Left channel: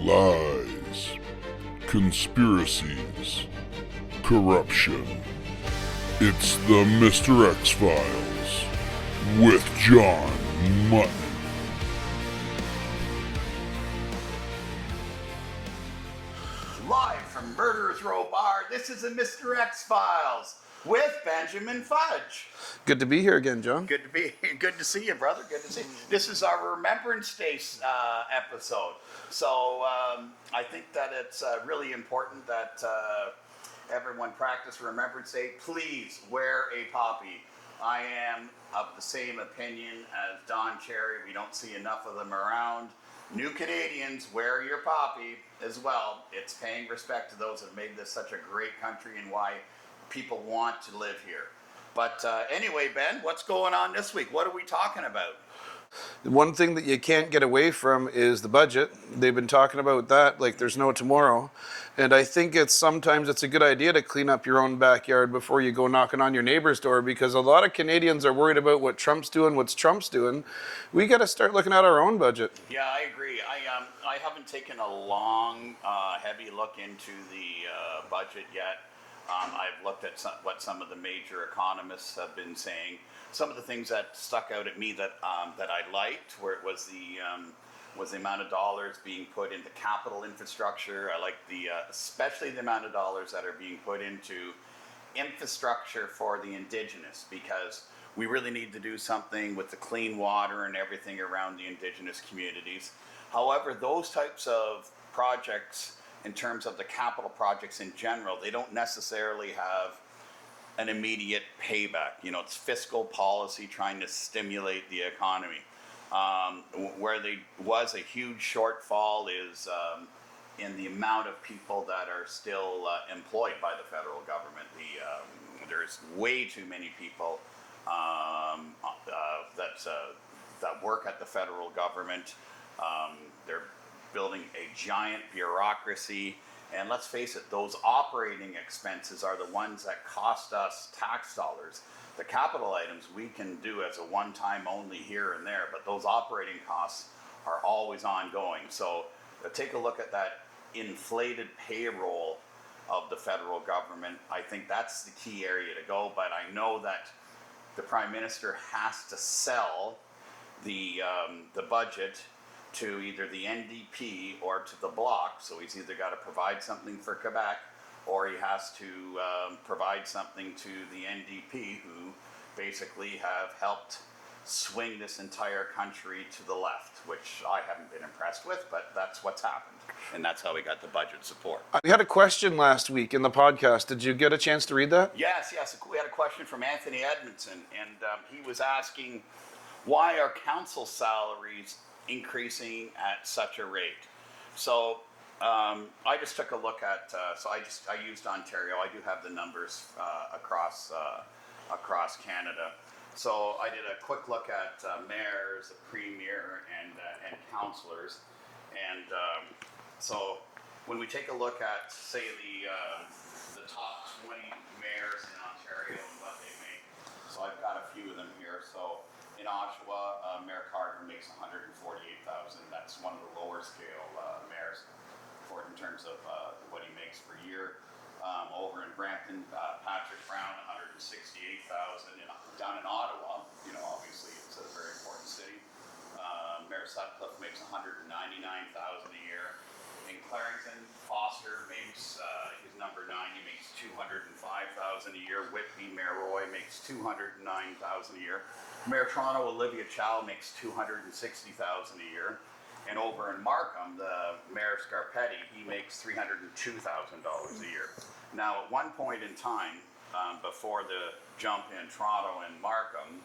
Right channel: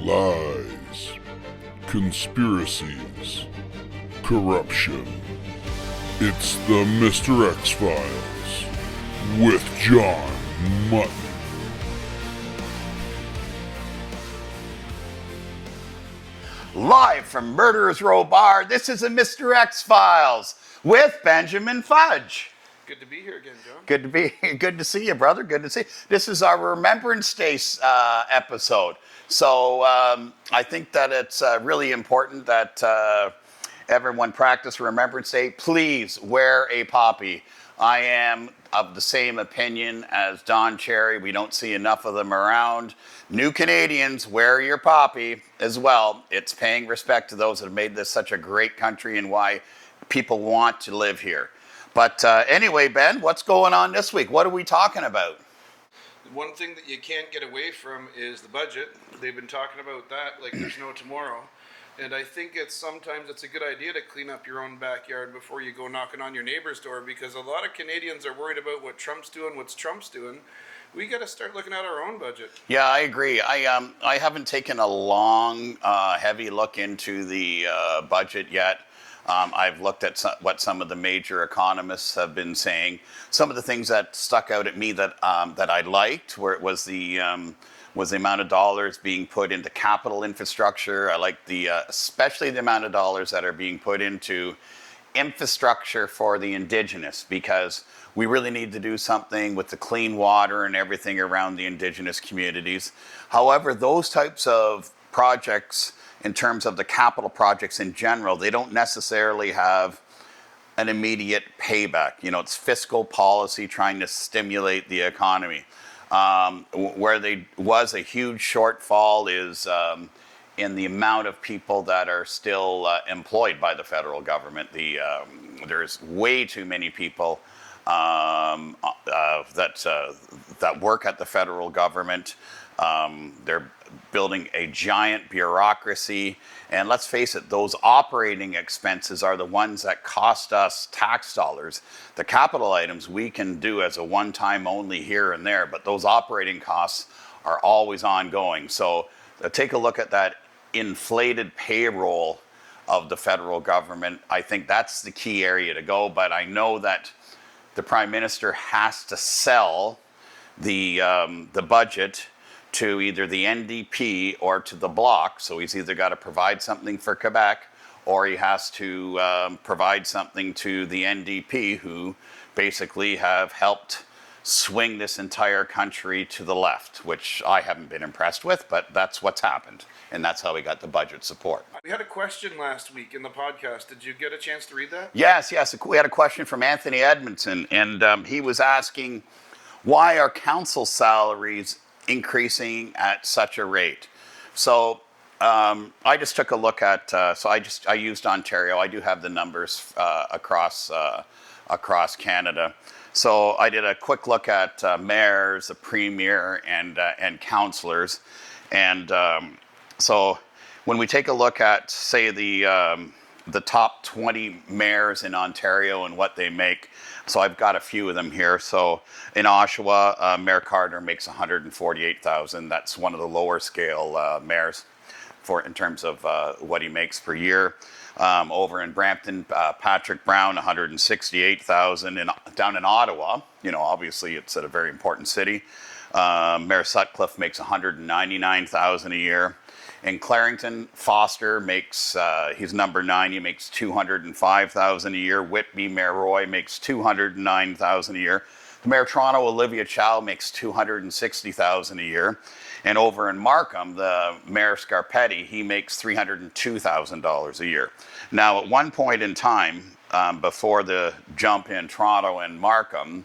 Lies, conspiracies, corruption. It's the Mr.X Files with John Mutton. Live from Murderers Row Bar, this is the Mr.X Files with Benjamin Fudge. Good to be here again, John. Good to see you, brother. Good to see you. This is our Remembrance Day episode. So I think that it's really important that everyone practice Remembrance Day. Please wear a poppy. I am of the same opinion as Don Cherry. We don't see enough of them around. New Canadians, wear your poppy as well. It's paying respect to those that have made this such a great country and why people want to live here. But anyway, Ben, what's going on this week? What are we talking about? One thing that you can't get away from is the budget. They've been talking about that like there's no tomorrow. And I think sometimes it's a good idea to clean up your own backyard before you go knocking on your neighbor's door, because a lot of Canadians are worried about what Trump's doing, what's Trump's doing. We got to start looking at our own budget. Yeah, I agree. I haven't taken a long, heavy look into the budget yet. I've looked at what some of the major economists have been saying. Some of the things that stuck out at me that I liked, where it was the amount of dollars being put into capital infrastructure. I like especially the amount of dollars that are being put into infrastructure for the Indigenous, because we really need to do something with the clean water and everything around the Indigenous communities. However, those types of projects, in terms of the capital projects in general, they don't necessarily have an immediate payback. You know, it's fiscal policy trying to stimulate the economy. Where there was a huge shortfall is in the amount of people that are still employed by the federal government. There's way too many people that work at the federal government. They're building a giant bureaucracy. And let's face it, those operating expenses are the ones that cost us tax dollars. The capital items we can do as a one-time only here and there, but those operating costs are always ongoing. So take a look at that inflated payroll of the federal government. I think that's the key area to go, but I know that the Prime Minister has to sell the budget to either the NDP or to the Bloc. So he's either got to provide something for Quebec, or he has to provide something to the NDP, who basically have helped swing this entire country to the left, which I haven't been impressed with, but that's what's happened. And that's how we got the budget support. We had a question last week in the podcast. Did you get a chance to read that? Yes. We had a question from Anthony Edmondson, and he was asking, why are council salaries increasing at such a rate? So I just took a look at, I used Ontario. I do have the numbers across Canada. So I did a quick look at mayors, the premier, and councillors. And so when we take a look at, say, the top 20 mayors in Ontario and what they make, so I've got a few of them here. So in Oshawa, Mayor Carter makes $148,000. That's one of the lower scale mayors in terms of what he makes per year. Over in Brampton, Patrick Brown, $168,000. And down in Ottawa, you know, obviously it's at a very important city. Mayor Sutcliffe makes $199,000 a year. In Clarington, Foster makes, he's number 9, he makes $205,000 a year. Whitby, Mayor Roy makes $209,000 a year. Mayor Toronto, Olivia Chow, makes $260,000 a year. And over in Markham, the Mayor Scarpetti, he makes $302,000 a year. Now, at one point in time, before the jump in Toronto and Markham,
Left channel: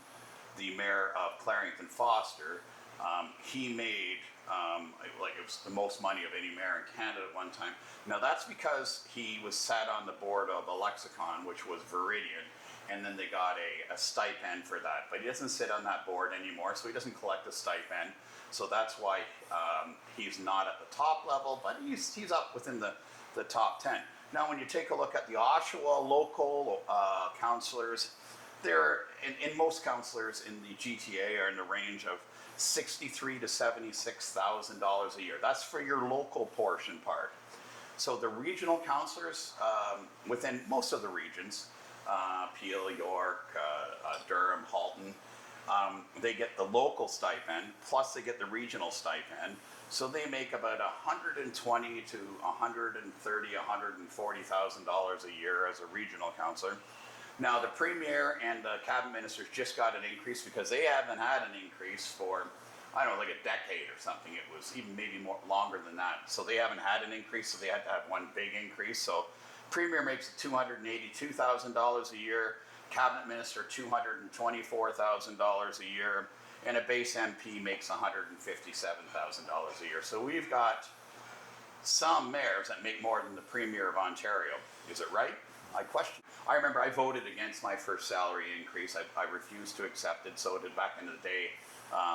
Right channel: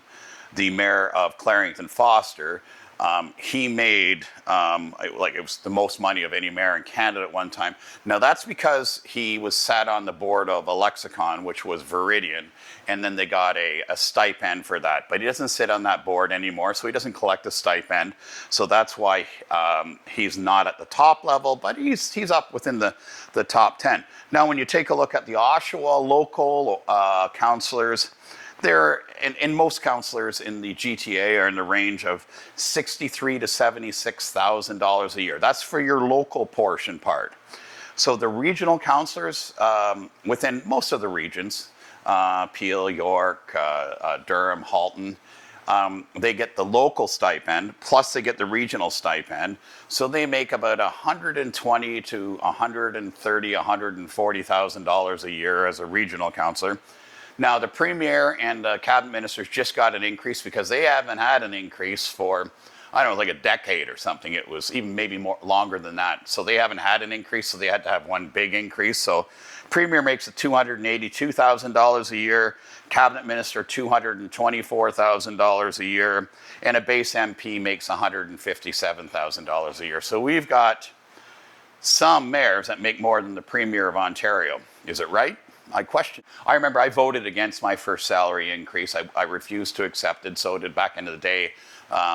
the Mayor of Clarington, Foster, he made, it was the most money of any mayor in Canada at one time. Now that's because he was sat on the board of a lexicon, which was Viridian, and then they got a stipend for that. But he doesn't sit on that board anymore, so he doesn't collect a stipend. So that's why he's not at the top level, but he's up within the top 10. Now when you take a look at the Oshawa local councillors, and most councillors in the GTA are in the range of $63,000 to $76,000 a year. That's for your local portion part. So the regional councillors within most of the regions, Peel, York, Durham, Halton, they get the local stipend, plus they get the regional stipend. So they make about $120,000 to $130,000, $140,000 a year as a regional councillor. Now the premier and the cabinet ministers just got an increase because they haven't had an increase for, I don't know, like a decade or something. It was even maybe more longer than that. So they haven't had an increase, so they had to have one big increase. So premier makes $282,000 a year, cabinet minister $224,000 a year, and a base MP makes $157,000 a year. So we've got some mayors that make more than the premier of Ontario. Is it right? I question. I remember I voted against my first salary increase. I refused to accept it. So did back into the day.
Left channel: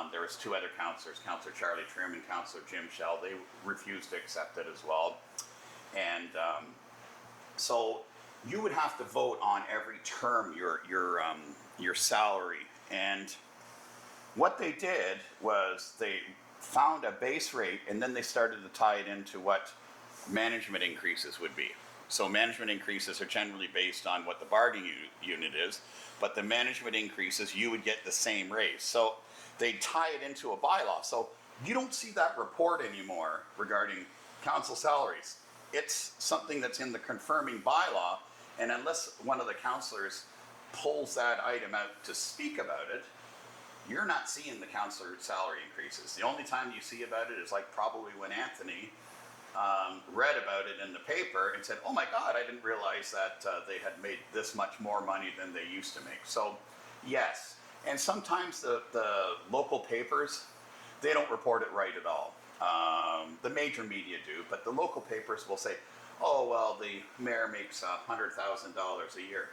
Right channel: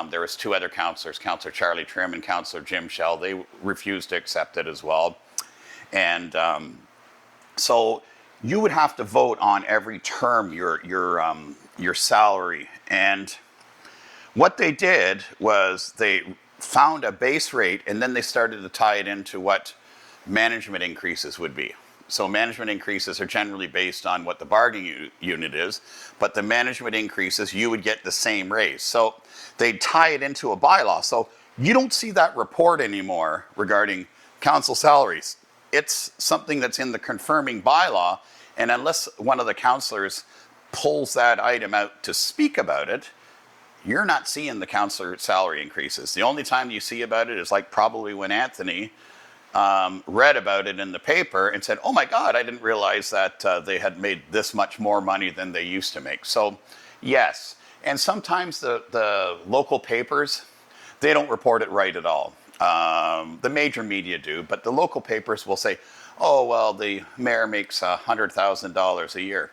There was two other councillors, Councillor Charlie Trim and Councillor Jim Shell. They refused to accept it as well. And so you would have to vote on every term your salary. And what they did was they found a base rate, and then they started to tie it into what management increases would be. So management increases are generally based on what the bargaining unit is, but the management increases, you would get the same raise. So they tie it into a bylaw. So you don't see that report anymore regarding council salaries. It's something that's in the confirming bylaw, and unless one of the councillors pulls that item out to speak about it, you're not seeing the councillor salary increases. The only time you see about it is like probably when Anthony read about it in the paper and said, oh my God, I didn't realize that they had made this much more money than they used to make. So yes, and sometimes the local papers, they don't report it right at all. The major media do, but the local papers will say, oh, well, the mayor makes $100,000 a year.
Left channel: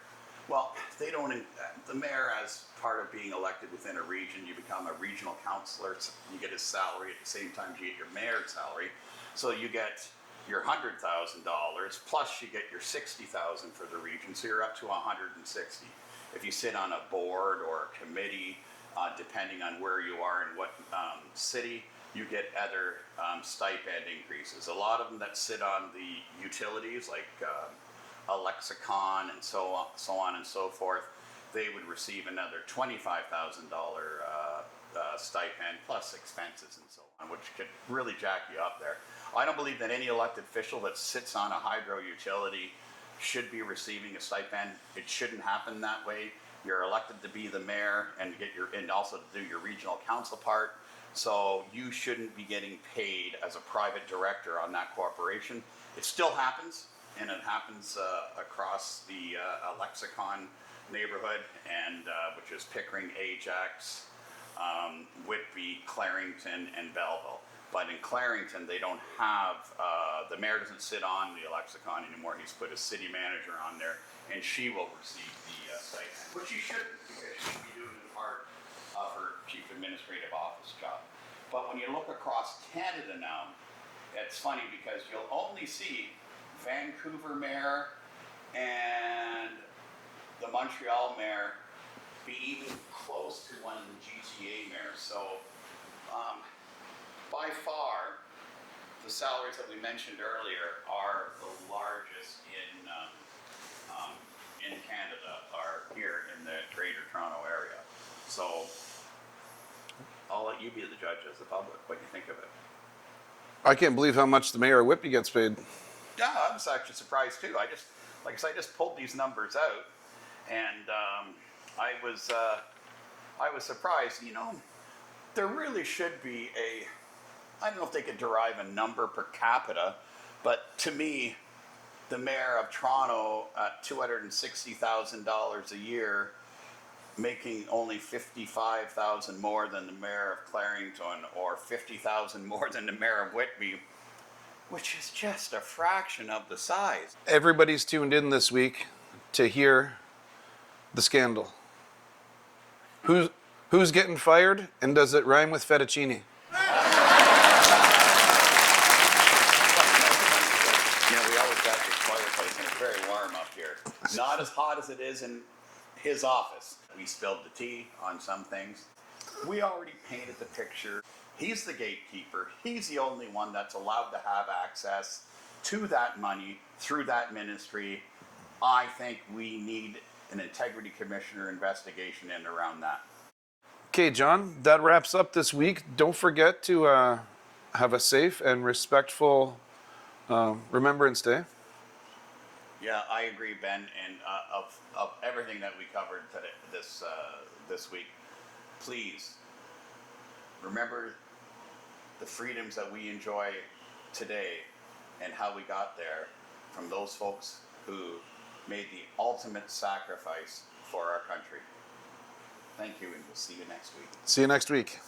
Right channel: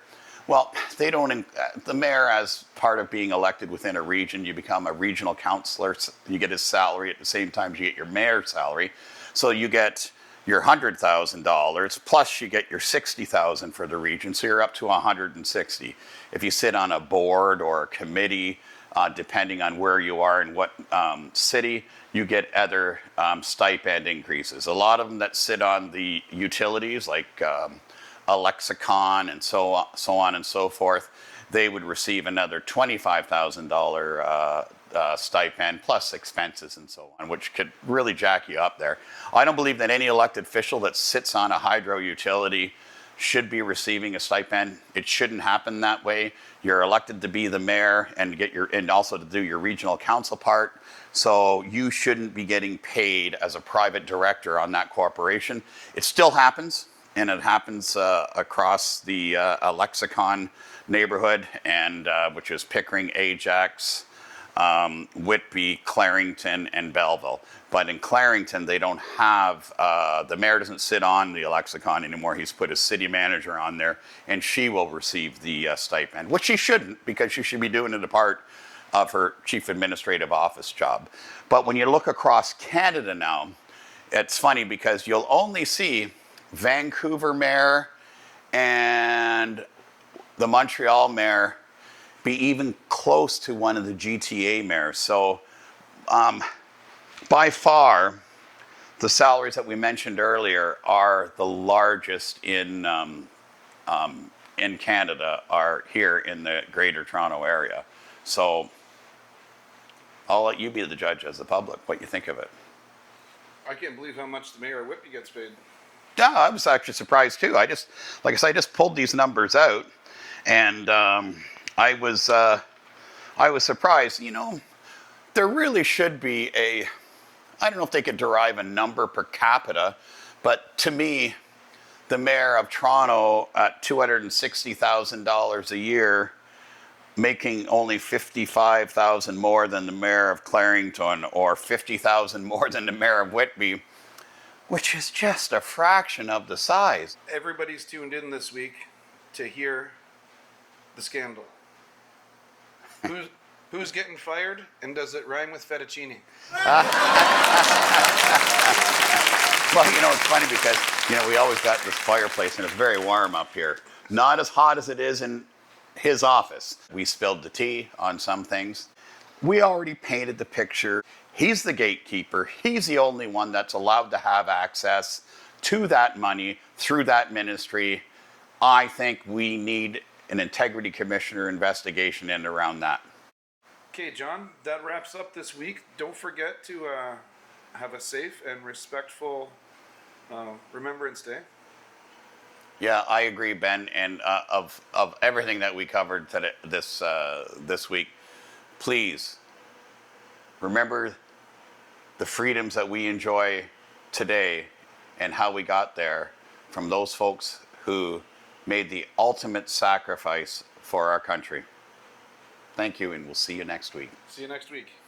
Well, they don't, the mayor, as part of being elected within a region, you become a regional councillor, you get his salary at the same time you get your mayor's salary. So you get your $100,000 plus you get your $60,000 for the region, so you're up to $160,000. If you sit on a board or a committee, depending on where you are in what city, you get other stipend increases. A lot of them that sit on the utilities, like a lexicon and so on and so forth, they would receive another $25,000 stipend plus expenses and so on, which could really jack you up there. I don't believe that any elected official that sits on a hydro utility should be receiving a stipend. It shouldn't happen that way. You're elected to be the mayor and and also to do your regional council part. So you shouldn't be getting paid as a private director on that corporation. It still happens, and it happens across the Lexicon neighborhood, and which is Pickering, Ajax, Whitby, Clarington, and Belleville. But in Clarington, they don't have, the mayor doesn't sit on the Lexicon anymore. He's put his city manager on there, and she will receive the stipend, which she shouldn't, because she should be doing it a part of her chief administrative office job. But when you look across Canada now, it's funny because you'll only see Vancouver mayor and the Montreal mayor be even close to one of the GTA mayors. So by far, the salaries that we mentioned earlier are the largest in Canada, are here in the Greater Toronto area. So I'll let you be the judge as the public, what you think of it. I can't believe how much the mayor of Whitby gets paid. Yeah, I was actually surprised too. I just, like I said, I just pulled these numbers out, and I was surprised. You know, there really should be I don't know if they could derive a number per capita, but to me, the mayor of Toronto at $260,000 a year, making only $55,000 more than the mayor of Clarington, or $50,000 more than the mayor of Whitby, which is just a fraction of the size. Everybody's tuned in this week to hear the scandal. Who's getting fired, and does it rhyme with fettuccine? Well, you know, it's funny because, you know, we always got this fireplace, and it's very warm up here. Not as hot as it is in his office. We spilled the tea on some things. We already painted the picture. He's the gatekeeper. He's the only one that's allowed to have access to that money through that ministry. I think we need an integrity commissioner investigation in around that. Okay, John, that wraps up this week. Don't forget to have a safe and respectful Remembrance Day. Yeah, I agree, Ben. And of everything that we covered today, this week, please remember the freedoms that we enjoy today and how we got there from those folks who made the ultimate sacrifice for our country. Thank you, and we'll see you next week. See you next week.